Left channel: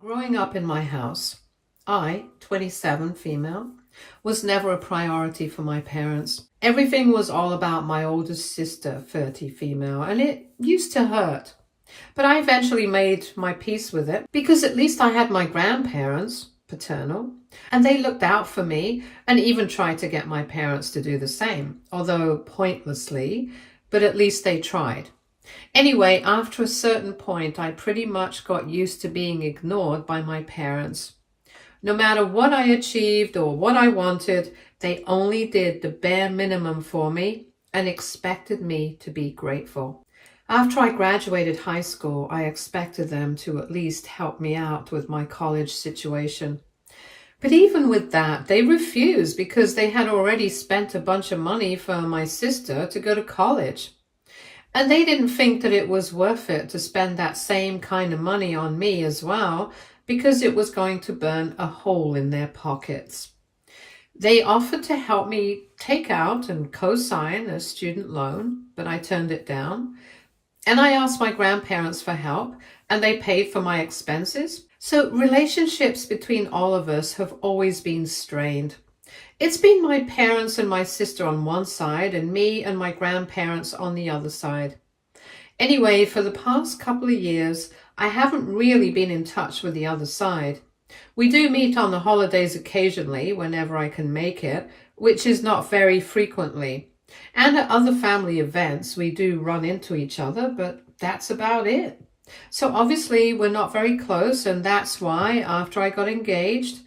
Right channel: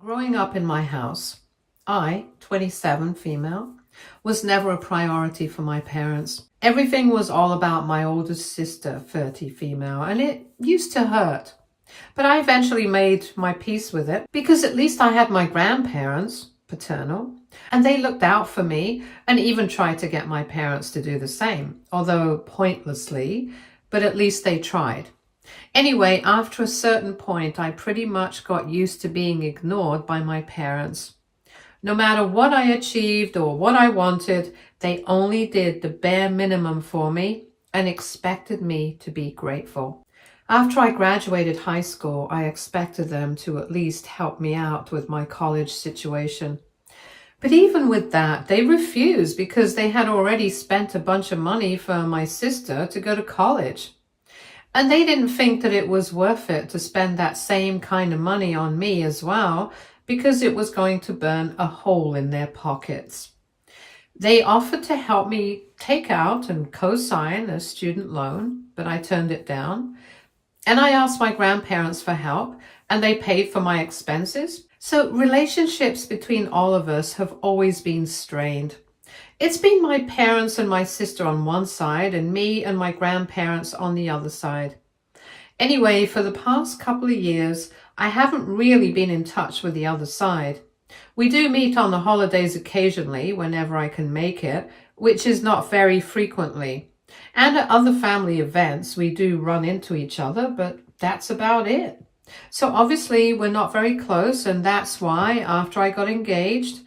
Growing up in my house, I, 27 female, was never a priority for my parents. Everything was all about my oldest sister, 30 female, and it used to hurt. But I eventually made my peace with it because at least I had my grandparents, paternal, and they looked out for me and even tried to get my parents to do the same, although pointlessly, but at least they tried. Anyway, after a certain point, I pretty much got used to being ignored by my parents. No matter what I achieved or what I wanted, they only did the bare minimum for me and expected me to be grateful. After I graduated high school, I expected them to at least help me out with my college situation. But even with that, they refused because they had already spent a bunch of money for my sister to go to college. And they didn't think that it was worth it to spend that same kind of money on me as well, because it was going to burn a hole in their pockets. They offered to help me take out and co-sign a student loan, but I turned it down. And I asked my grandparents for help, and they paid for my expenses. So relationships between all of us have always been strained. It's been my parents and my sister on one side and me and my grandparents on the other side. Anyway, for the past couple of years, I haven't really been in touch with the other side. We do meet on the holidays occasionally, whenever I can make it, which is not very frequently. And at other family events, we do run into each other, but that's about it. So obviously, we're not very close, and that's why, after I got engaged,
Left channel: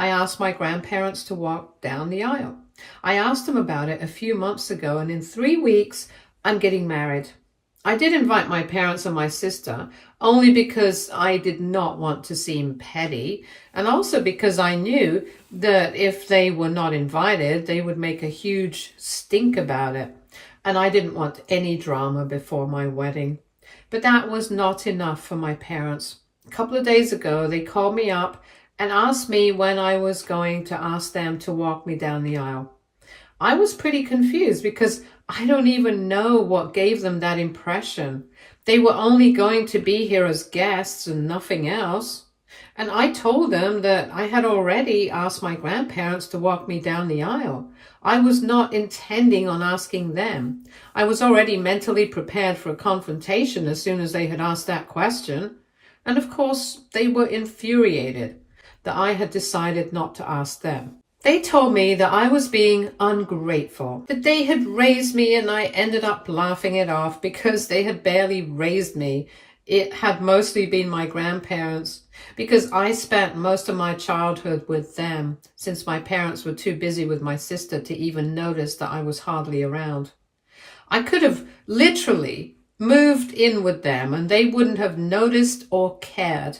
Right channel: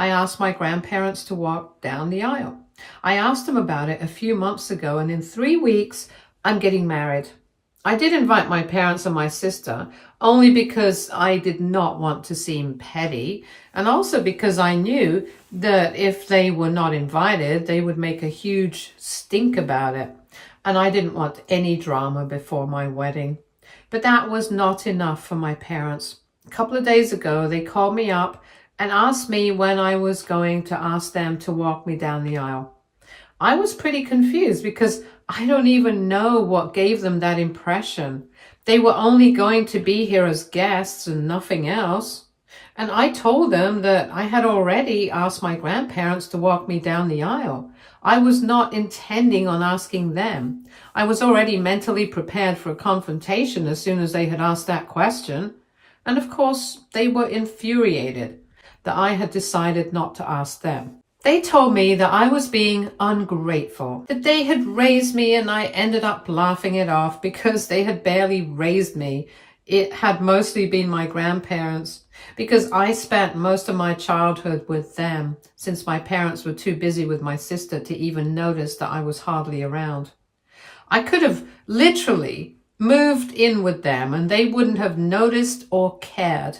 I asked my grandparents to walk down the aisle. I asked them about it a few months ago, and in 3 weeks, I'm getting married. I did invite my parents and my sister, only because I did not want to seem petty, and also because I knew that if they were not invited, they would make a huge stink about it, and I didn't want any drama before my wedding. But that was not enough for my parents. A couple of days ago, they called me up and asked me when I was going to ask them to walk me down the aisle. I was pretty confused because I don't even know what gave them that impression. They were only going to be here as guests and nothing else. And I told them that I had already asked my grandparents to walk me down the aisle. I was not intending on asking them. I was already mentally prepared for a confrontation as soon as they had asked that question. And of course, they were infuriated that I had decided not to ask them. They told me that I was being ungrateful, that they had raised me and I ended up laughing it off because they had barely raised me. It had mostly been my grandparents because I spent most of my childhood with them since my parents were too busy with my sister to even notice that I was hardly around. I could have literally moved in with them and they wouldn't have noticed or cared.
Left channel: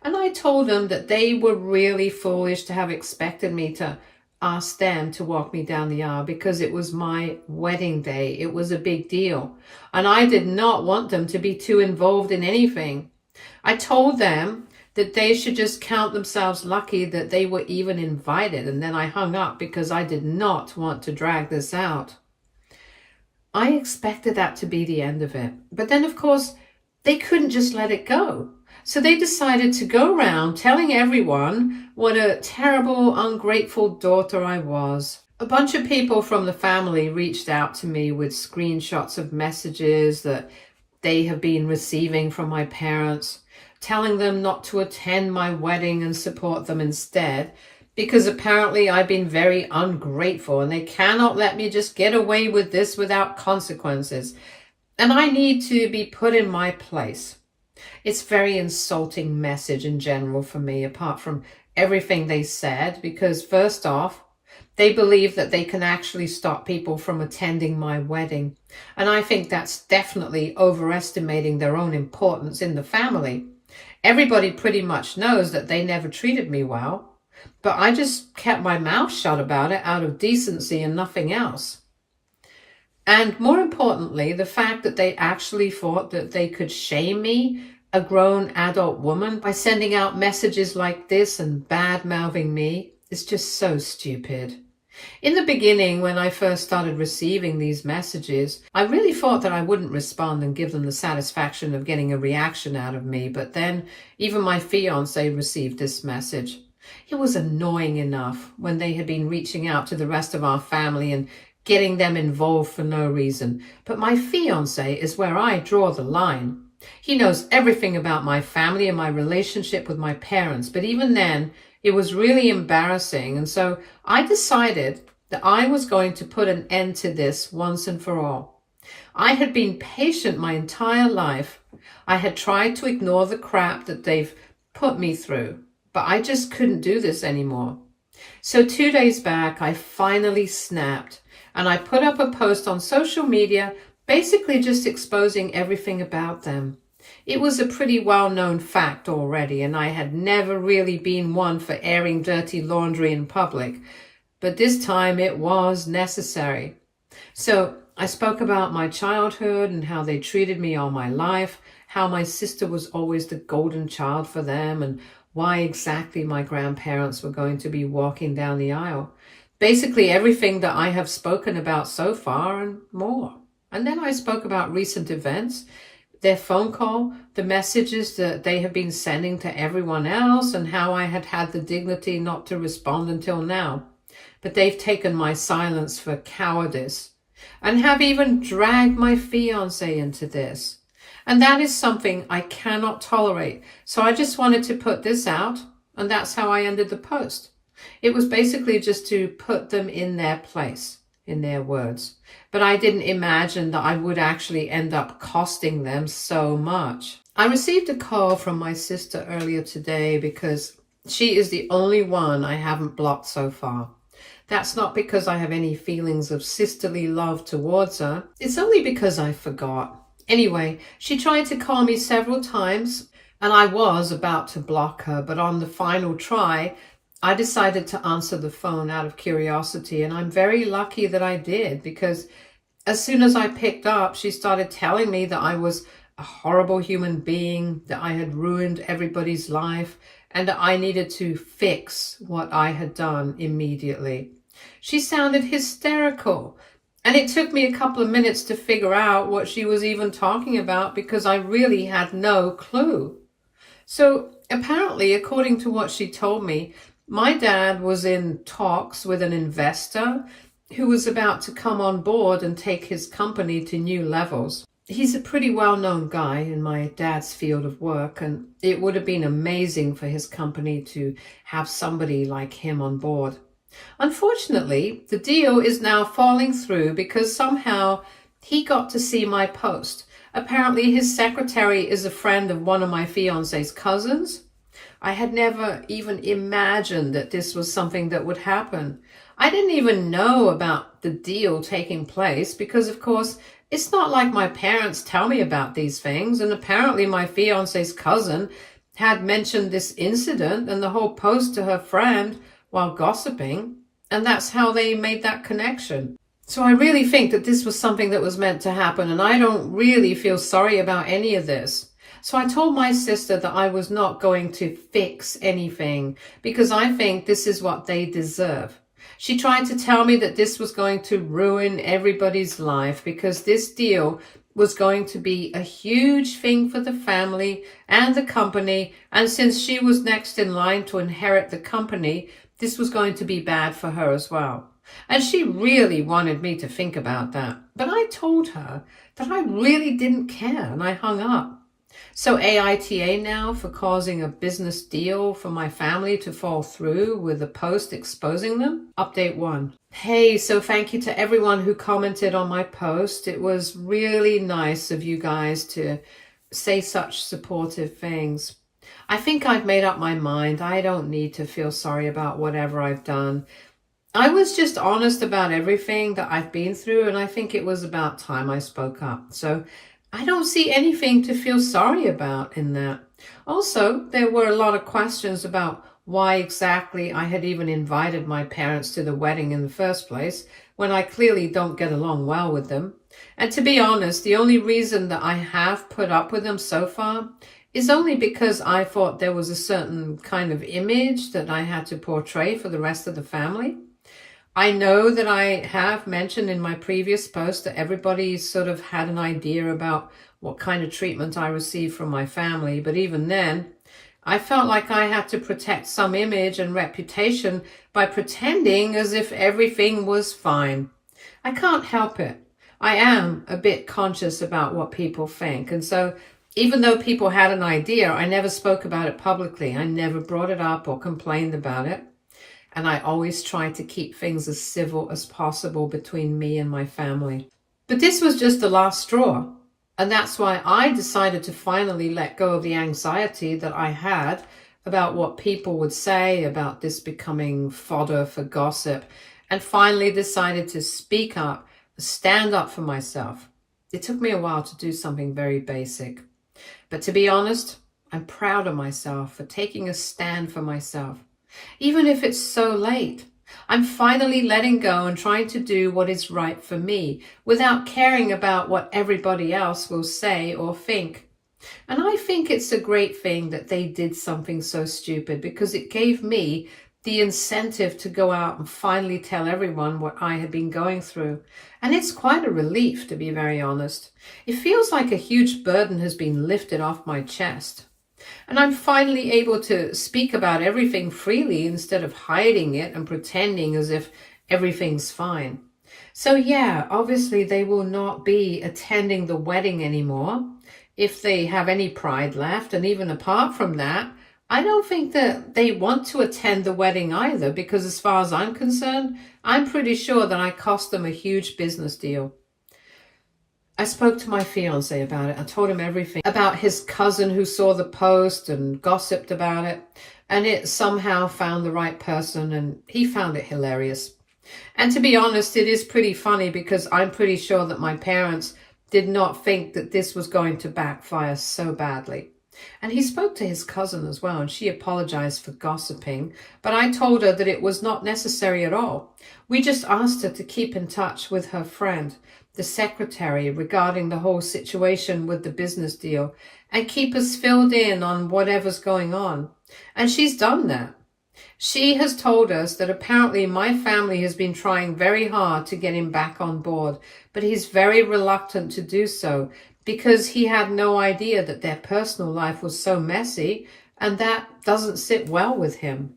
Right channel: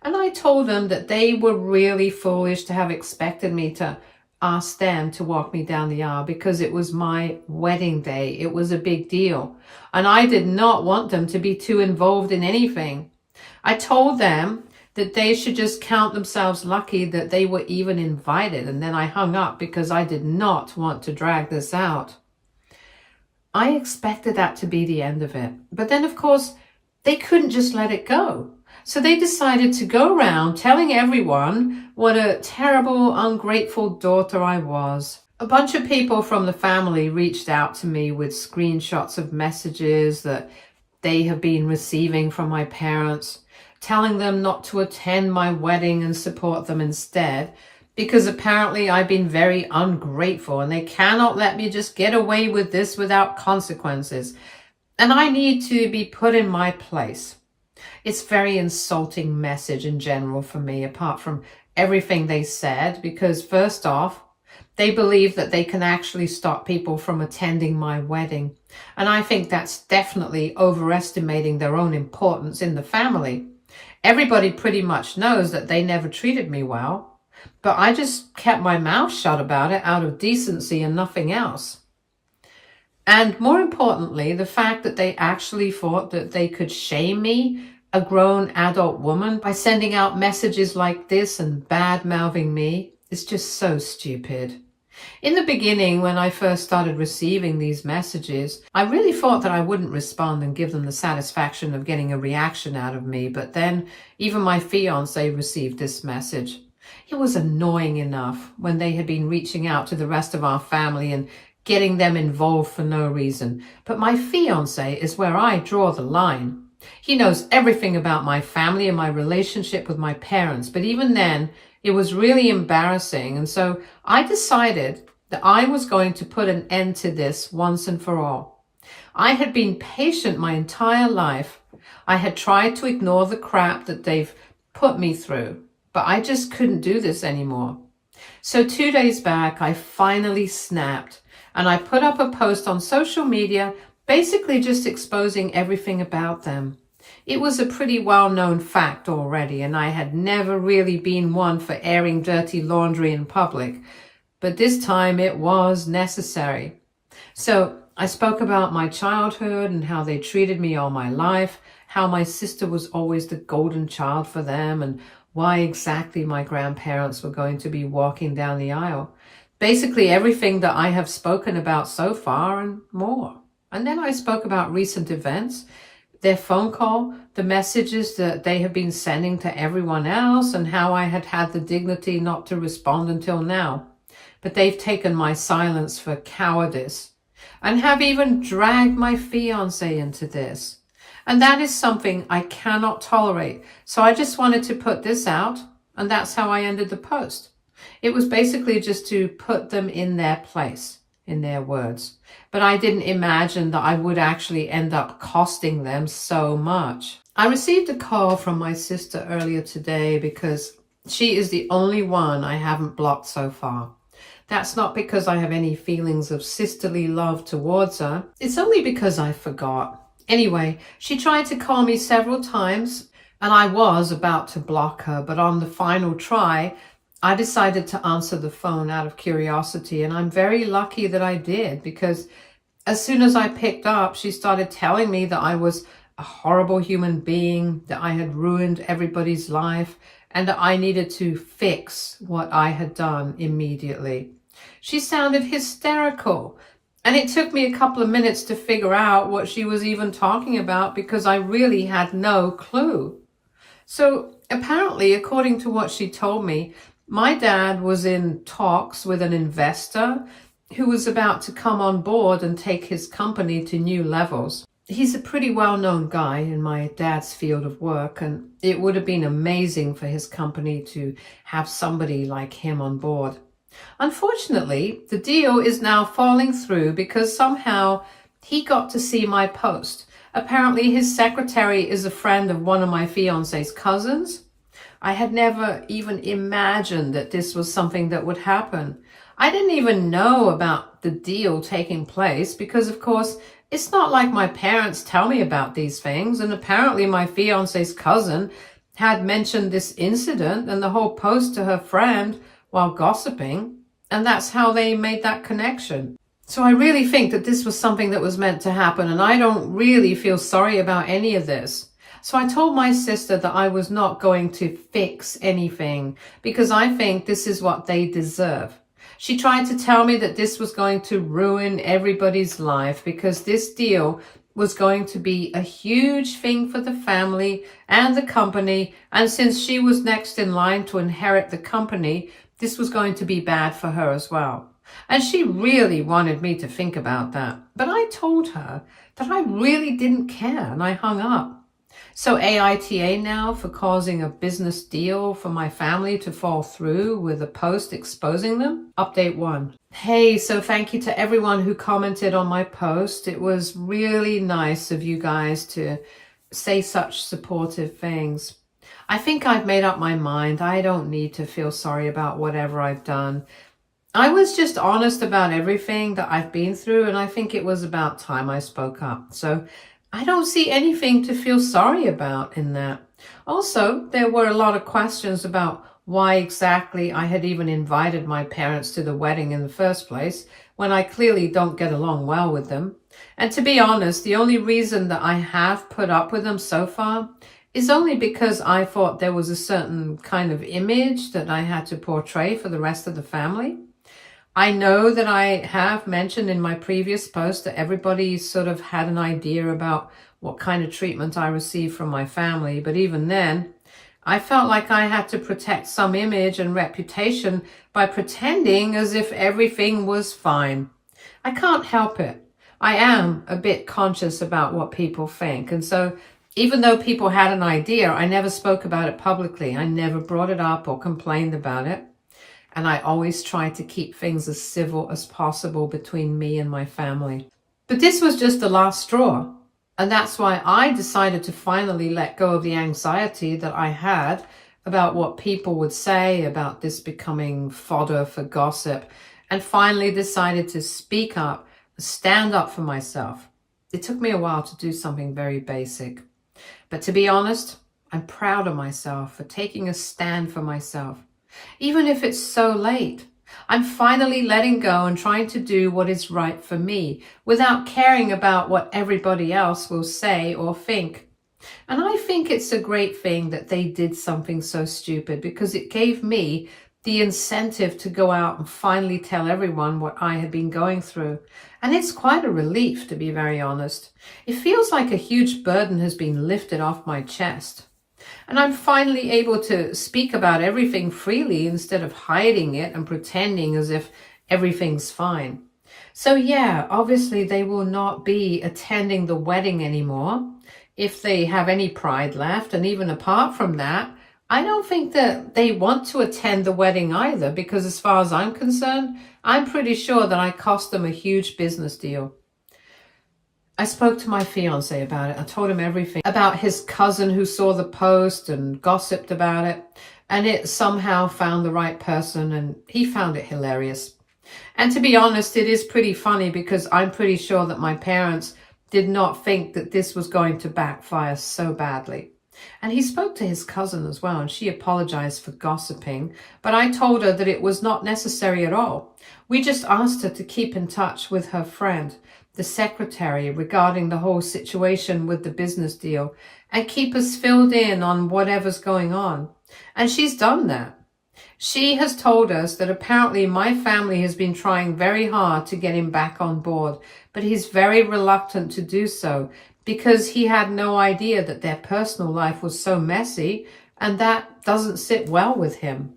And I told them that they were really foolish to have expected me to ask them to walk me down the aisle because it was my wedding day. It was a big deal. And I did not want them to be too involved in anything. I told them that they should just count themselves lucky that they were even invited. And then I hung up because I did not want to drag this out. I expected that to be the end of it. But then, of course, they couldn't just let it go. So they decided to go around telling everyone what a terrible, ungrateful daughter I was. A bunch of people from the family reached out to me with screenshots of messages that they have been receiving from my parents, telling them not to attend my wedding and support them instead, because apparently I've been very ungrateful and they cannot let me just get away with this without consequences. And I need to be put in my place. It's a very insulting message in general for me, apart from everything they said, because first off, they believe that they can actually stop people from attending my wedding. And I think that's definitely overestimating their own importance in the family. Everybody pretty much knows that they never treated me well, but I just kept my mouth shut about it out of decency and nothing else. And more importantly, the fact that they actually thought that they could shame me, a grown adult woman, by sending out messages like this and bad-mouthing me is just so stupid. In the beginning, when I first started receiving these messages, I really thought that I wouldn't respond and give them the satisfaction of getting a reaction out of me. But then even my fiance received this message. It was annoying enough when they had been reaching out to the rest of our family and getting them involved for no reason. But my fiance is where I draw the line. He knows everything about my family and my relationship with my parents. But even then, it was really embarrassing. And so I decided that I was going to put an end to this once and for all. I had been patient my entire life. I had tried to ignore the crap that they've put me through, but I just couldn't do this anymore. So 2 days back, I finally snapped and I put up a post on social media, basically just exposing everything about them. It was a pretty well-known fact already, and I had never really been one for airing dirty laundry in public, but this time it was necessary. So I spoke about my childhood and how they treated me all my life, how my sister was always the golden child for them, and why exactly my grandparents were going to be walking down the aisle. Basically everything that I have spoken about so far and more. And then I spoke about recent events, their phone call, the messages that they have been sending to everyone else, and how I had had the dignity not to respond until now. But they've taken my silence for cowardice and have even dragged my fiancé into this. And that is something I cannot tolerate. So I just wanted to put this out, and that's how I ended the post. It was basically just to put them in their place, in their words. But I didn't imagine that I would actually end up costing them so much. I received a call from my sister earlier today because she is the only one I haven't blocked so far. That's not because I have any feelings of sisterly love towards her. It's only because I forgot. Anyway, she tried to call me several times and I was about to block her, but on the final try, I decided to answer the phone out of curiosity, and I'm very lucky that I did, because as soon as I picked up, she started telling me that I was a horrible human being, that I had ruined everybody's life, and that I needed to fix what I had done immediately. She sounded hysterical, and it took me a couple of minutes to figure out what she was even talking about because I really had no clue. So apparently, according to what she told me, my dad was in talks with an investor who was about to come on board and take his company to new levels. He's a pretty well-known guy in my dad's field of work, and it would have been amazing for his company to have somebody like him on board. Unfortunately, the deal is now falling through because somehow he got to see my post. Apparently, his secretary is a friend of one of my fiance's cousins. I had never even imagined that this was something that would happen. I didn't even know about the deal taking place because, of course, it's not like my parents tell me about these things. And apparently my fiance's cousin had mentioned this incident and the whole post to her friend while gossiping. And that's how they made that connection. So I really think that this was something that was meant to happen. And I don't really feel sorry about any of this. So I told my sister that I was not going to fix anything because I think this is what they deserve. She tried to tell me that this was going to ruin everybody's life because this deal was going to be a huge thing for the family and the company. And since she was next in line to inherit the company, this was going to be bad for her as well. And she really wanted me to think about that. But I told her that I really didn't care and I hung up. So aita now for causing a business deal for my family to fall through with a post exposing them. Update 1. Hey, so thank you to everyone who commented on my post. It was really nice of you guys to say such supportive things. I think I've made up my mind. I don't need to feel sorry about whatever I've done. I was just honest about everything that I've been through, and I think it was about time I spoke up. So I don't see anything to feel sorry about in that. Also, there were a lot of questions about why exactly I had even invited my parents to the wedding in the first place, when I clearly don't get along well with them. And to be honest, the only reason that I have put up with them so far is only because I thought there was a certain kind of image that I had to portray for the rest of the family. I know that I have mentioned in my previous post that everybody sort of had an idea about what kind of treatment I received from my family, but even then, I felt like I had to protect some image and reputation by pretending as if everything was fine. I can't help it. I am a bit conscious about what people think, and so even though people had an idea, I never spoke about it publicly. I never brought it up or complained about it. And I always tried to keep things as civil as possible between me and my family. But this was just the last straw. And that's why I decided to finally let go of the anxiety that I had about what people would say about this becoming fodder for gossip, and finally decided to speak up, stand up for myself. It took me a while to do something very basic. But to be honest, I'm proud of myself for taking a stand for myself. Even if it's so late, I'm finally letting go and trying to do what is right for me without caring about what everybody else will say or think. And I think it's a great thing that they did something so stupid, because it gave me the incentive to go out and finally tell everyone what I had been going through. And it's quite a relief, to be very honest. It feels like a huge burden has been lifted off my chest. And I'm finally able to speak about everything freely instead of hiding it and pretending as if everything's fine. So yeah, obviously they will not be attending the wedding anymore if they have any pride left. And even apart from that, I don't think that they want to attend the wedding either, because as far as I'm concerned, I'm pretty sure that I cost them a huge business deal. I spoke to my fiance about it. I told him everything about his cousin who saw the post and gossiped about it, and it somehow found the right person, and he found it hilarious. And to be honest, it is pretty funny, because I'm pretty sure that my parents did not think that this was going to backfire so badly. And he spoke to his cousin as well, and she apologized for gossiping, but I told her that it was not necessary at all. We just asked her to keep in touch with her friend, the secretary, regarding the whole situation with the business deal, and keep us filled in on whatever's going on. And she's done that. She has told us that apparently my family has been trying very hard to get him back on board, but he's very reluctant to do so, because he had no idea that their personal life was so messy, and that doesn't sit well with him.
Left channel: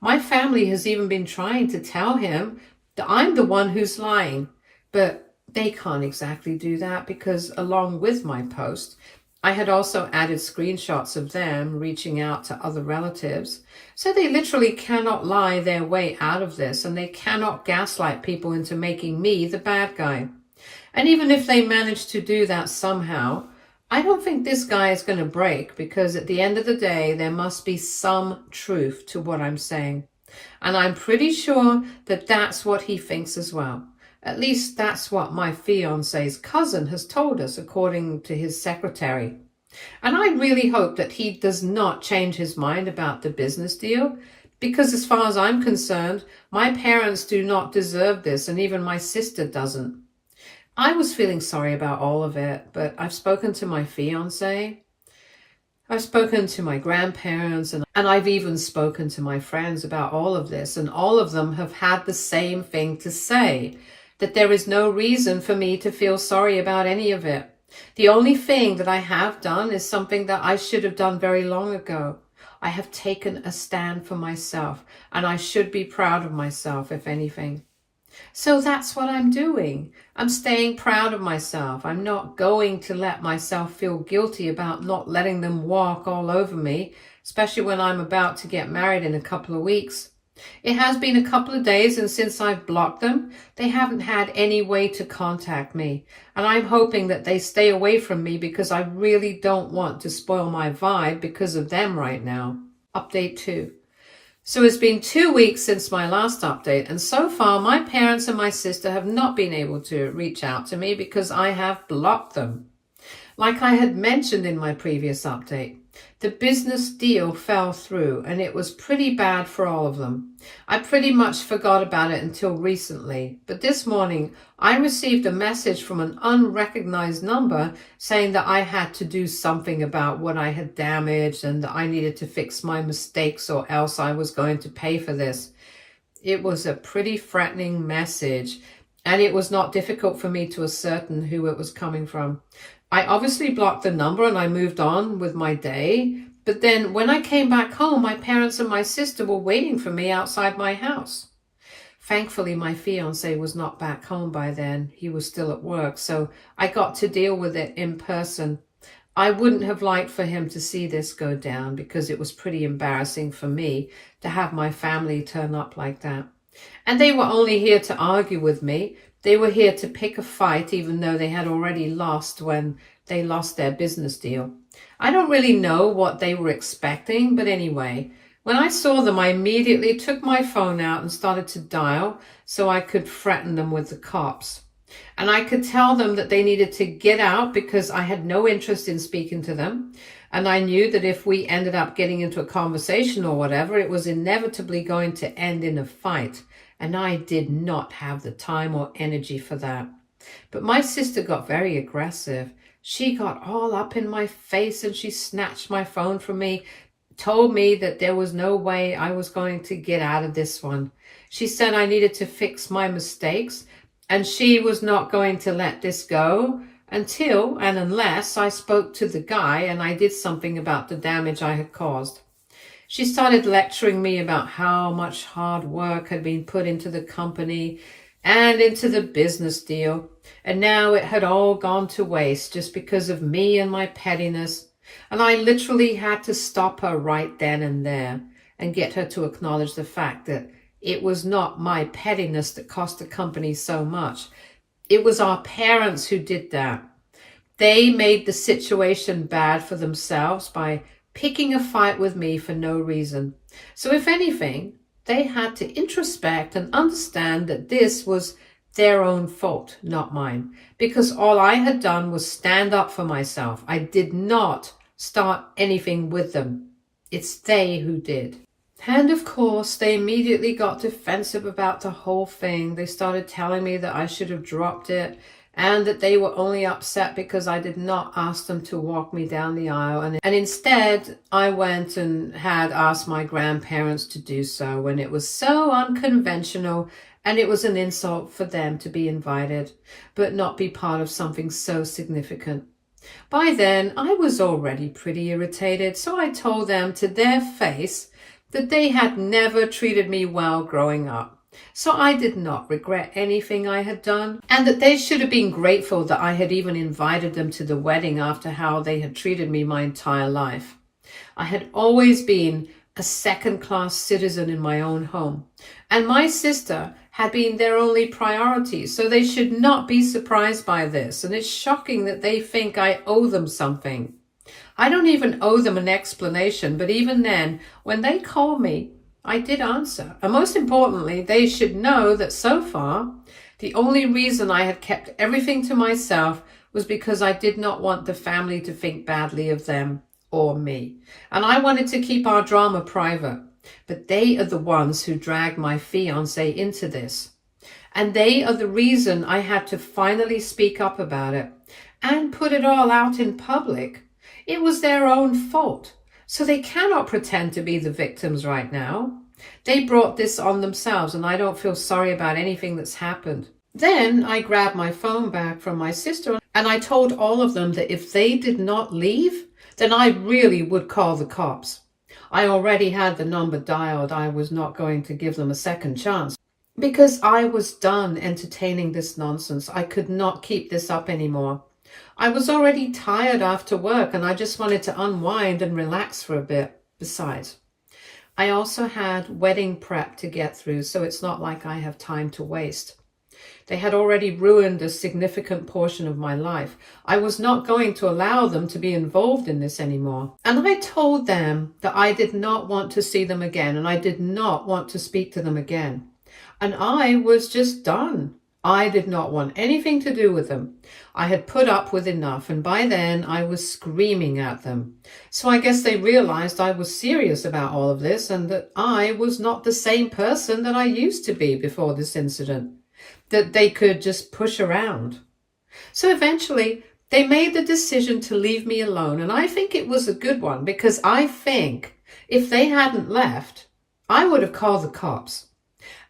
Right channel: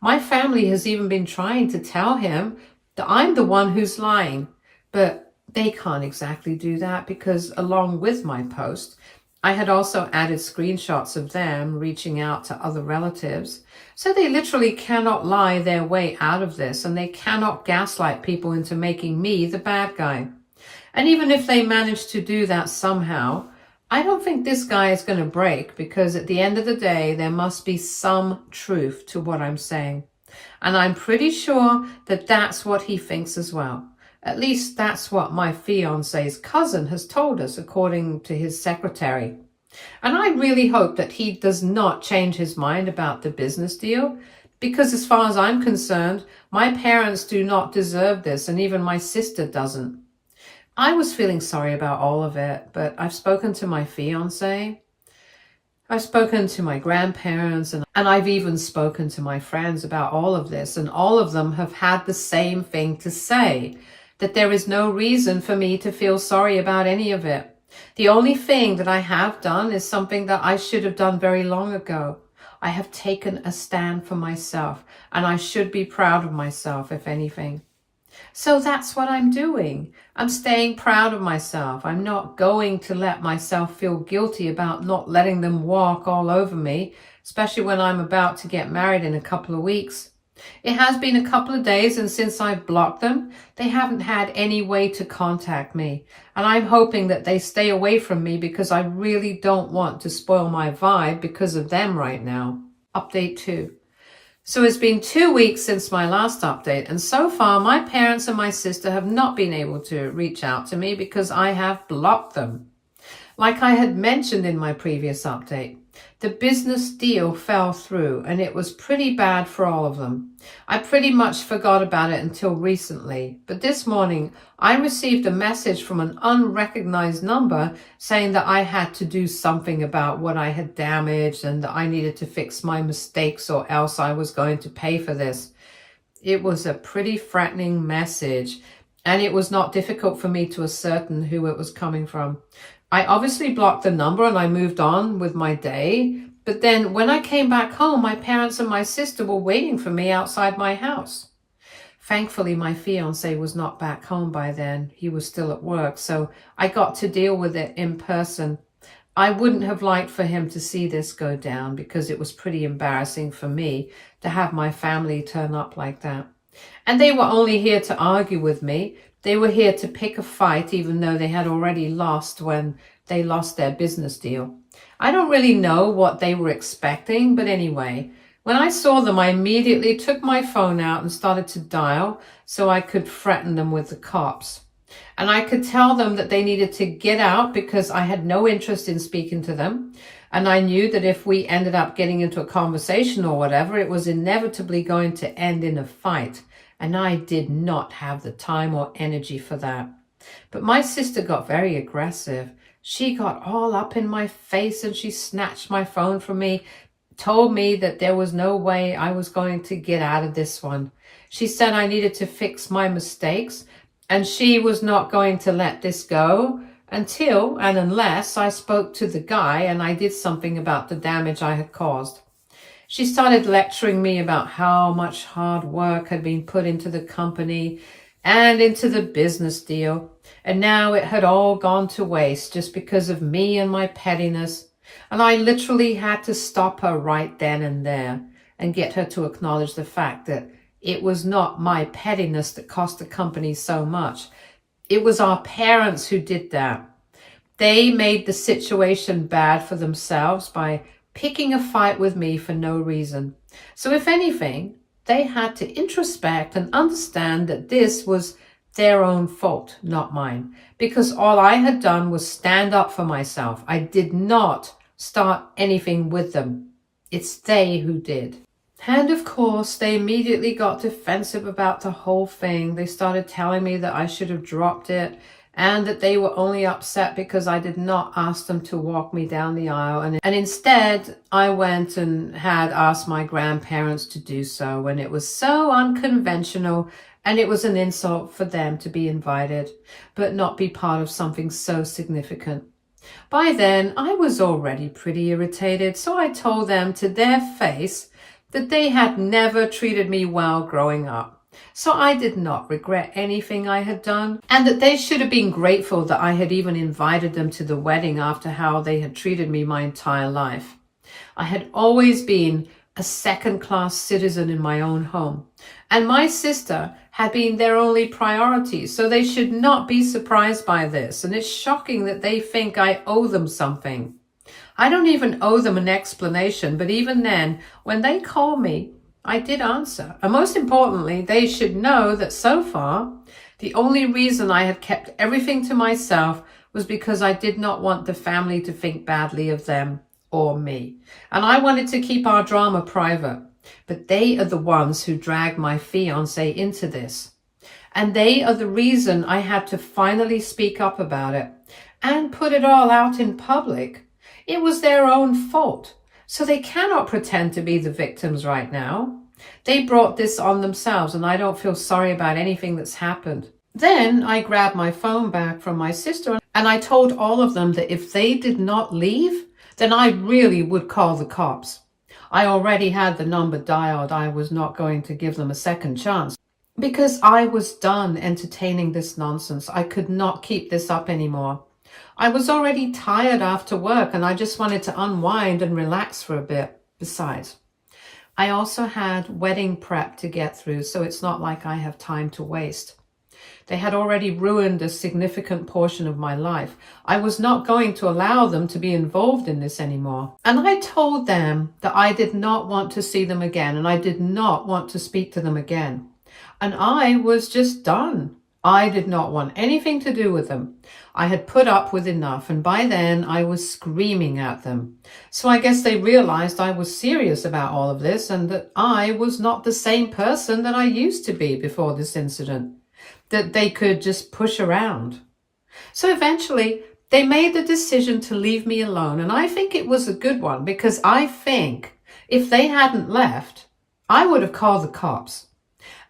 My family has even been trying to tell him that I'm the one who's lying, but they can't exactly do that, because along with my post, I had also added screenshots of them reaching out to other relatives. So they literally cannot lie their way out of this, and they cannot gaslight people into making me the bad guy. And even if they manage to do that somehow, I don't think this guy is going to break, because at the end of the day, there must be some truth to what I'm saying. And I'm pretty sure that that's what he thinks as well. At least that's what my fiance's cousin has told us, according to his secretary. And I really hope that he does not change his mind about the business deal, because as far as I'm concerned, my parents do not deserve this, and even my sister doesn't. I was feeling sorry about all of it, but I've spoken to my fiance, I've spoken to my grandparents, and I've even spoken to my friends about all of this, and all of them have had the same thing to say, that there is no reason for me to feel sorry about any of it. The only thing that I have done is something that I should have done very long ago. I have taken a stand for myself, and I should be proud of myself, if anything. So that's what I'm doing. I'm staying proud of myself. I'm not going to let myself feel guilty about not letting them walk all over me, especially when I'm about to get married in a couple of weeks. It has been a couple of days, and since I've blocked them, they haven't had any way to contact me. And I'm hoping that they stay away from me, because I really don't want to spoil my vibe because of them right now. Update 2. So it's been 2 weeks since my last update, and so far my parents and my sister have not been able to reach out to me because I have blocked them. Like I had mentioned in my previous update, the business deal fell through, and it was pretty bad for all of them. I pretty much forgot about it until recently, but this morning I received a message from an unrecognized number saying that I had to do something about what I had damaged, and that I needed to fix my mistakes or else I was going to pay for this. It was a pretty threatening message, and it was not difficult for me to ascertain who it was coming from. I obviously blocked the number and I moved on with my day. But then when I came back home, my parents and my sister were waiting for me outside my house. Thankfully, my fiance was not back home by then. He was still at work, so I got to deal with it in person. I wouldn't have liked for him to see this go down because it was pretty embarrassing for me to have my family turn up like that. And they were only here to argue with me. They were here to pick a fight, even though they had already lost when they lost their business deal. I don't really know what they were expecting, but anyway, when I saw them, I immediately took my phone out and started to dial so I could threaten them with the cops. And I could tell them that they needed to get out because I had no interest in speaking to them. And I knew that if we ended up getting into a conversation or whatever, it was inevitably going to end in a fight. And I did not have the time or energy for that. But my sister got very aggressive. She got all up in my face and she snatched my phone from me, told me that there was no way I was going to get out of this one. She said I needed to fix my mistakes and she was not going to let this go until and unless I spoke to the guy and I did something about the damage I had caused. She started lecturing me about how much hard work had been put into the company and into the business deal. And now it had all gone to waste just because of me and my pettiness. And I literally had to stop her right then and there and get her to acknowledge the fact that it was not my pettiness that cost the company so much. It was our parents who did that. They made the situation bad for themselves by picking a fight with me for no reason. So if anything, they had to introspect and understand that this was their own fault, not mine, because all I had done was stand up for myself. I did not start anything with them. It's they who did. And of course, they immediately got defensive about the whole thing. They started telling me that I should have dropped it and that they were only upset because I did not ask them to walk me down the aisle. And instead, I went and had asked my grandparents to do so, and it was so unconventional, and it was an insult for them to be invited, but not be part of something so significant. By then, I was already pretty irritated, so I told them to their face that they had never treated me well growing up. So I did not regret anything I had done, and that they should have been grateful that I had even invited them to the wedding after how they had treated me my entire life. I had always been a second-class citizen in my own home, and my sister had been their only priority, so they should not be surprised by this, and it's shocking that they think I owe them something. I don't even owe them an explanation, but even then, when they call me, I did answer. And most importantly, they should know that so far, the only reason I had kept everything to myself was because I did not want the family to think badly of them or me. And I wanted to keep our drama private. But they are the ones who dragged my fiance into this. And they are the reason I had to finally speak up about it and put it all out in public. It was their own fault. So they cannot pretend to be the victims right now. They brought this on themselves, and I don't feel sorry about anything that's happened. Then I grabbed my phone back from my sister, and I told all of them that if they did not leave, then I really would call the cops. I already had the number dialed. I was not going to give them a second chance because I was done entertaining this nonsense. I could not keep this up anymore. I was already tired after work and I just wanted to unwind and relax for a bit. Besides, I also had wedding prep to get through, so it's not like I have time to waste. They had already ruined a significant portion of my life. I was not going to allow them to be involved in this anymore. And I told them that I did not want to see them again and I did not want to speak to them again. And I was just done. I did not want anything to do with them. I had put up with enough, and by then I was screaming at them. So I guess they realized I was serious about all of this and that I was not the same person that I used to be before this incident, that they could just push around. So eventually they made the decision to leave me alone, and I think it was a good one because I think if they hadn't left, I would have called the cops.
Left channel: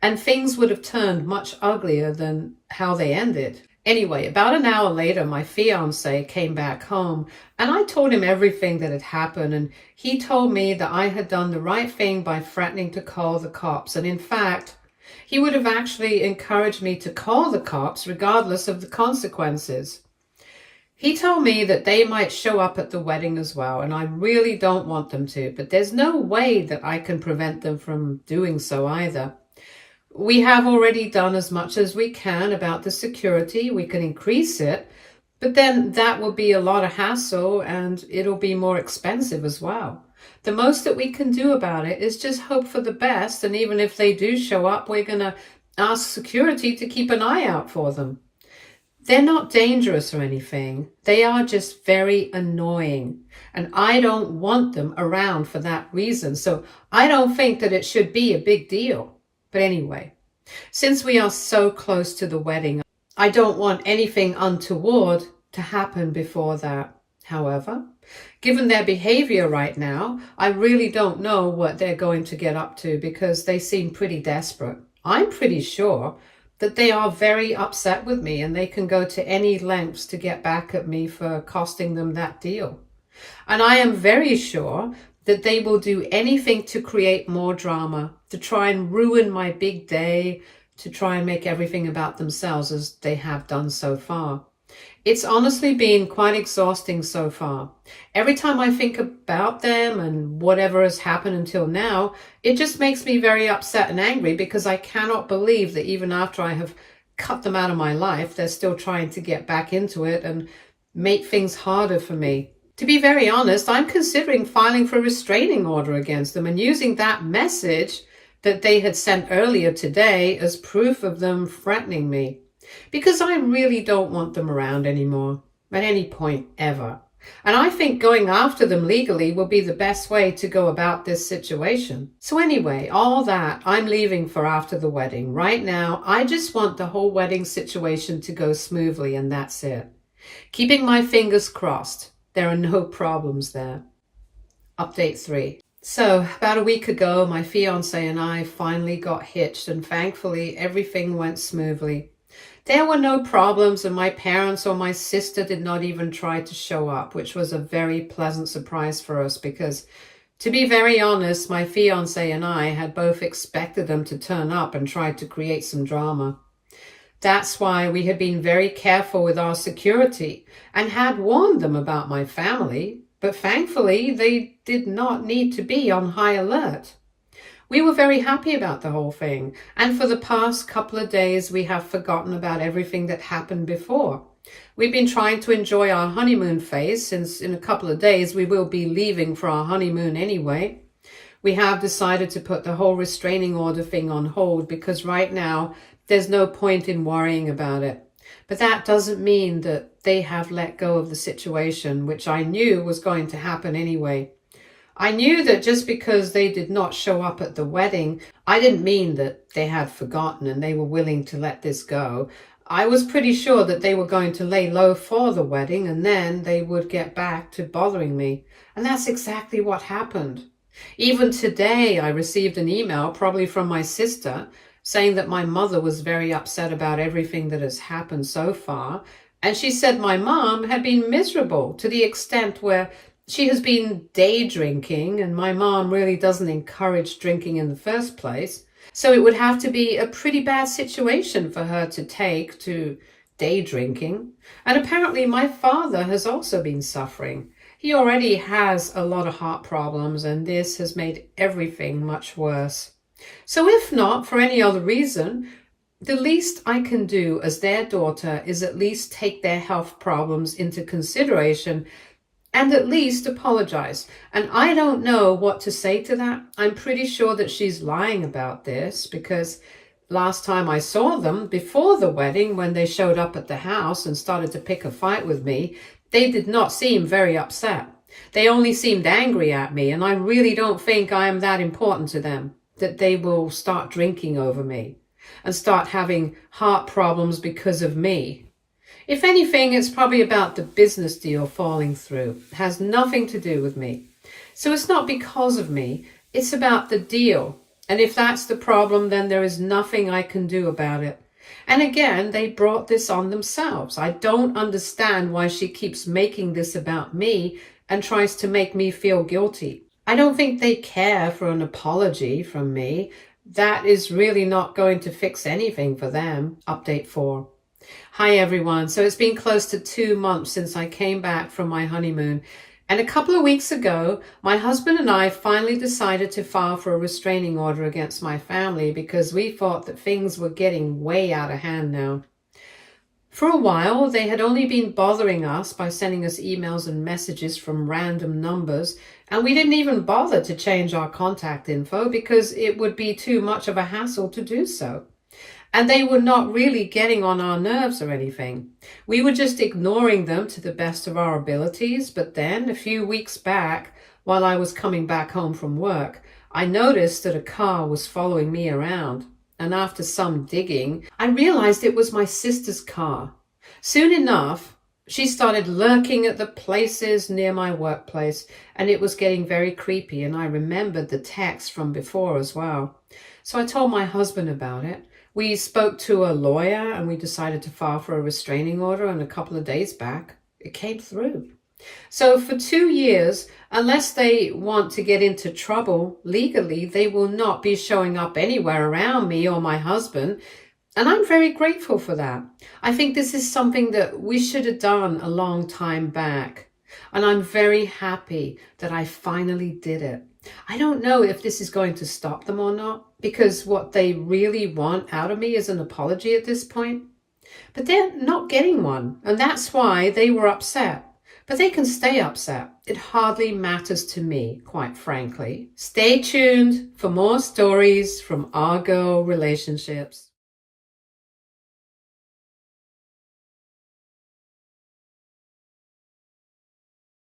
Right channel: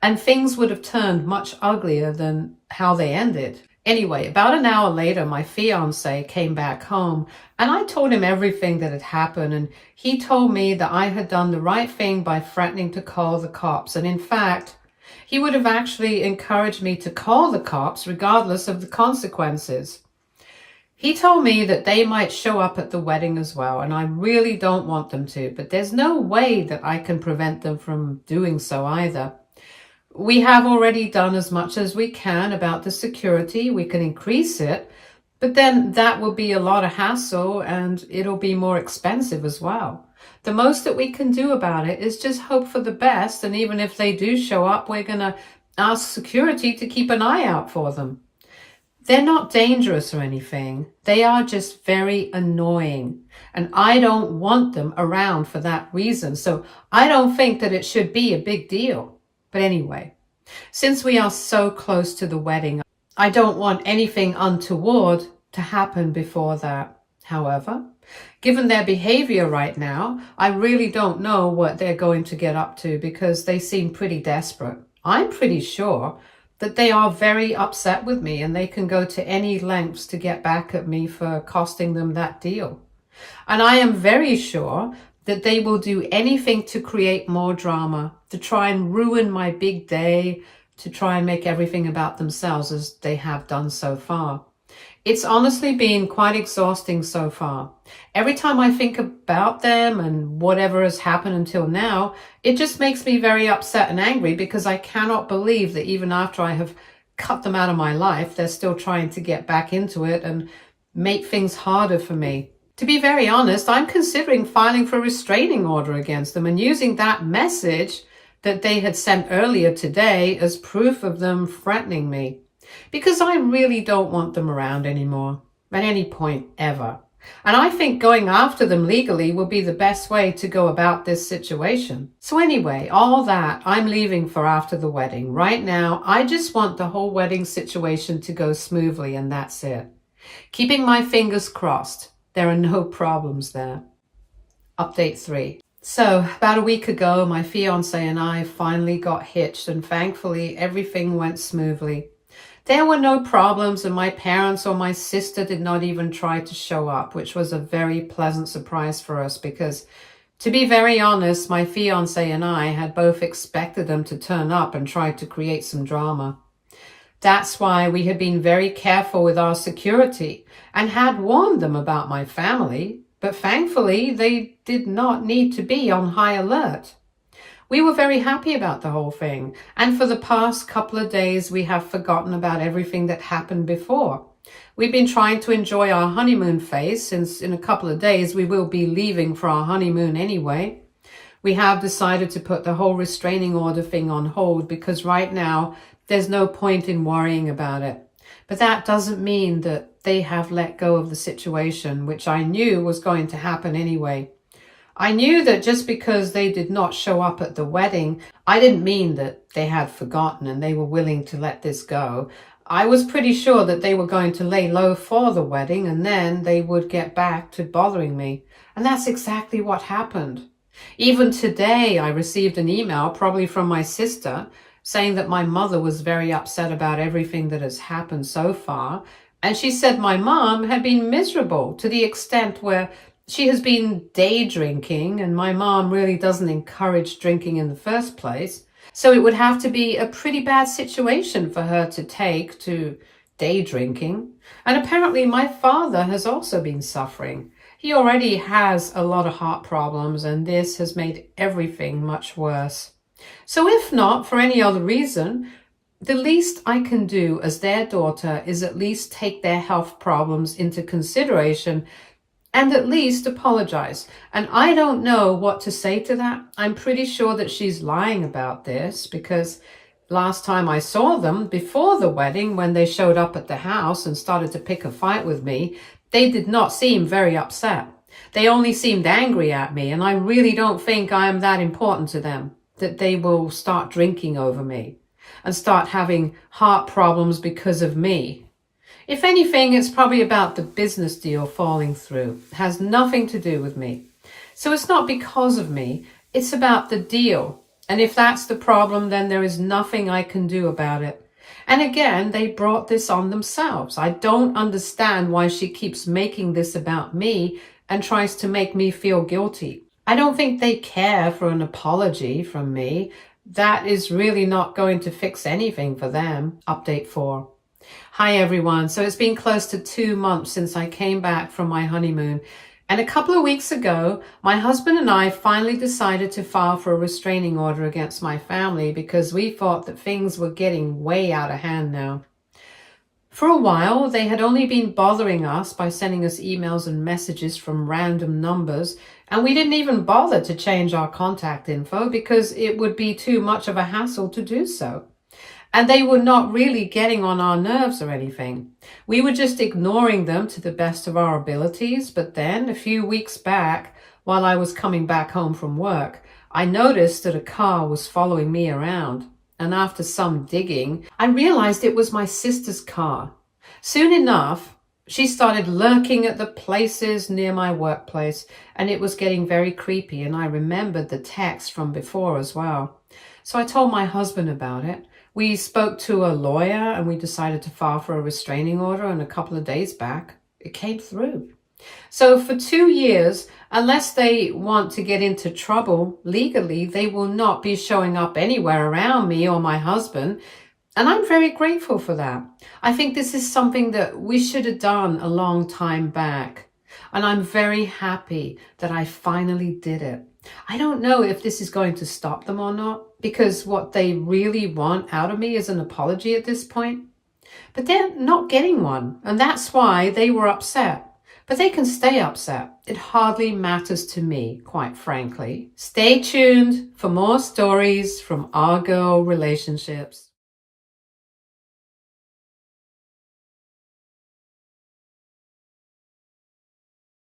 and things would have turned much uglier than how they ended. Anyway, about an hour later, my fiance came back home and I told him everything that had happened, and he told me that I had done the right thing by threatening to call the cops. And in fact, he would have actually encouraged me to call the cops regardless of the consequences. He told me that they might show up at the wedding as well, and I really don't want them to, but there's no way that I can prevent them from doing so either. We have already done as much as we can about the security. We can increase it, but then that will be a lot of hassle and it'll be more expensive as well. The most that we can do about it is just hope for the best, and even if they do show up, we're going to ask security to keep an eye out for them. They're not dangerous or anything. They are just very annoying, and I don't want them around for that reason. So I don't think that it should be a big deal. But anyway, since we are so close to the wedding, I don't want anything untoward to happen before that. However, given their behavior right now, I really don't know what they're going to get up to because they seem pretty desperate. I'm pretty sure that they are very upset with me and they can go to any lengths to get back at me for costing them that deal. And I am very sure that they will do anything to create more drama, to try and ruin my big day, to try and make everything about themselves as they have done so far. It's honestly been quite exhausting so far. Every time I think about them and whatever has happened until now, it just makes me very upset and angry because I cannot believe that even after I have cut them out of my life, they're still trying to get back into it and make things harder for me. To be very honest, I'm considering filing for a restraining order against them and using that message that they had sent earlier today as proof of them threatening me. Because I really don't want them around anymore, at any point ever. And I think going after them legally will be the best way to go about this situation. So anyway, all that I'm leaving for after the wedding. Right now, I just want the whole wedding situation to go smoothly, and that's it. Keeping my fingers crossed. There are no problems there. Update 3. So about a week ago, my fiance and I finally got hitched, and thankfully everything went smoothly. There were no problems, and my parents or my sister did not even try to show up, which was a very pleasant surprise for us because, to be very honest, my fiance and I had both expected them to turn up and try to create some drama. That's why we had been very careful with our security and had warned them about my family, but thankfully they did not need to be on high alert. We were very happy about the whole thing, and for the past couple of days we have forgotten about everything that happened before. We've been trying to enjoy our honeymoon phase since in a couple of days we will be leaving for our honeymoon anyway. We have decided to put the whole restraining order thing on hold because right now there's no point in worrying about it. But that doesn't mean that they have let go of the situation, which I knew was going to happen anyway. I knew that just because they did not show up at the wedding, I didn't mean that they had forgotten and they were willing to let this go. I was pretty sure that they were going to lay low for the wedding and then they would get back to bothering me. And that's exactly what happened. Even today, I received an email, probably from my sister, saying that my mother was very upset about everything that has happened so far. And she said my mom had been miserable to the extent where she has been day drinking, and my mom really doesn't encourage drinking in the first place. So it would have to be a pretty bad situation for her to take to day drinking. And apparently my father has also been suffering. He already has a lot of heart problems, and this has made everything much worse. So if not for any other reason, the least I can do as their daughter is at least take their health problems into consideration and at least apologize. And I don't know what to say to that. I'm pretty sure that she's lying about this because last time I saw them before the wedding, when they showed up at the house and started to pick a fight with me, they did not seem very upset. They only seemed angry at me, and I really don't think I am that important to them that they will start drinking over me and start having heart problems because of me. If anything, it's probably about the business deal falling through. It has nothing to do with me. So it's not because of me, it's about the deal. And if that's the problem, then there is nothing I can do about it. And again, they brought this on themselves. I don't understand why she keeps making this about me and tries to make me feel guilty. I don't think they care for an apology from me. That is really not going to fix anything for them. Update 4. Hi everyone. So it's been close to 2 months since I came back from my honeymoon. And a couple of weeks ago, my husband and I finally decided to file for a restraining order against my family because we thought that things were getting way out of hand now. For a while, they had only been bothering us by sending us emails and messages from random numbers, and we didn't even bother to change our contact info because it would be too much of a hassle to do so. And they were not really getting on our nerves or anything. We were just ignoring them to the best of our abilities. But then a few weeks back, while I was coming back home from work, I noticed that a car was following me around. And after some digging, I realized it was my sister's car. Soon enough, she started lurking at the places near my workplace, and it was getting very creepy. And I remembered the text from before as well. So I told my husband about it. We spoke to a lawyer and we decided to file for a restraining order, and a couple of days back, it came through. So for 2 years, unless they want to get into trouble legally, they will not be showing up anywhere around me or my husband. And I'm very grateful for that. I think this is something that we should have done a long time back. And I'm very happy that I finally did it. I don't know if this is going to stop them or not, because what they really want out of me is an apology at this point. But they're not getting one, and that's why they were upset. But they can stay upset. It hardly matters to me, quite frankly. Stay tuned for more stories from our girl relationships.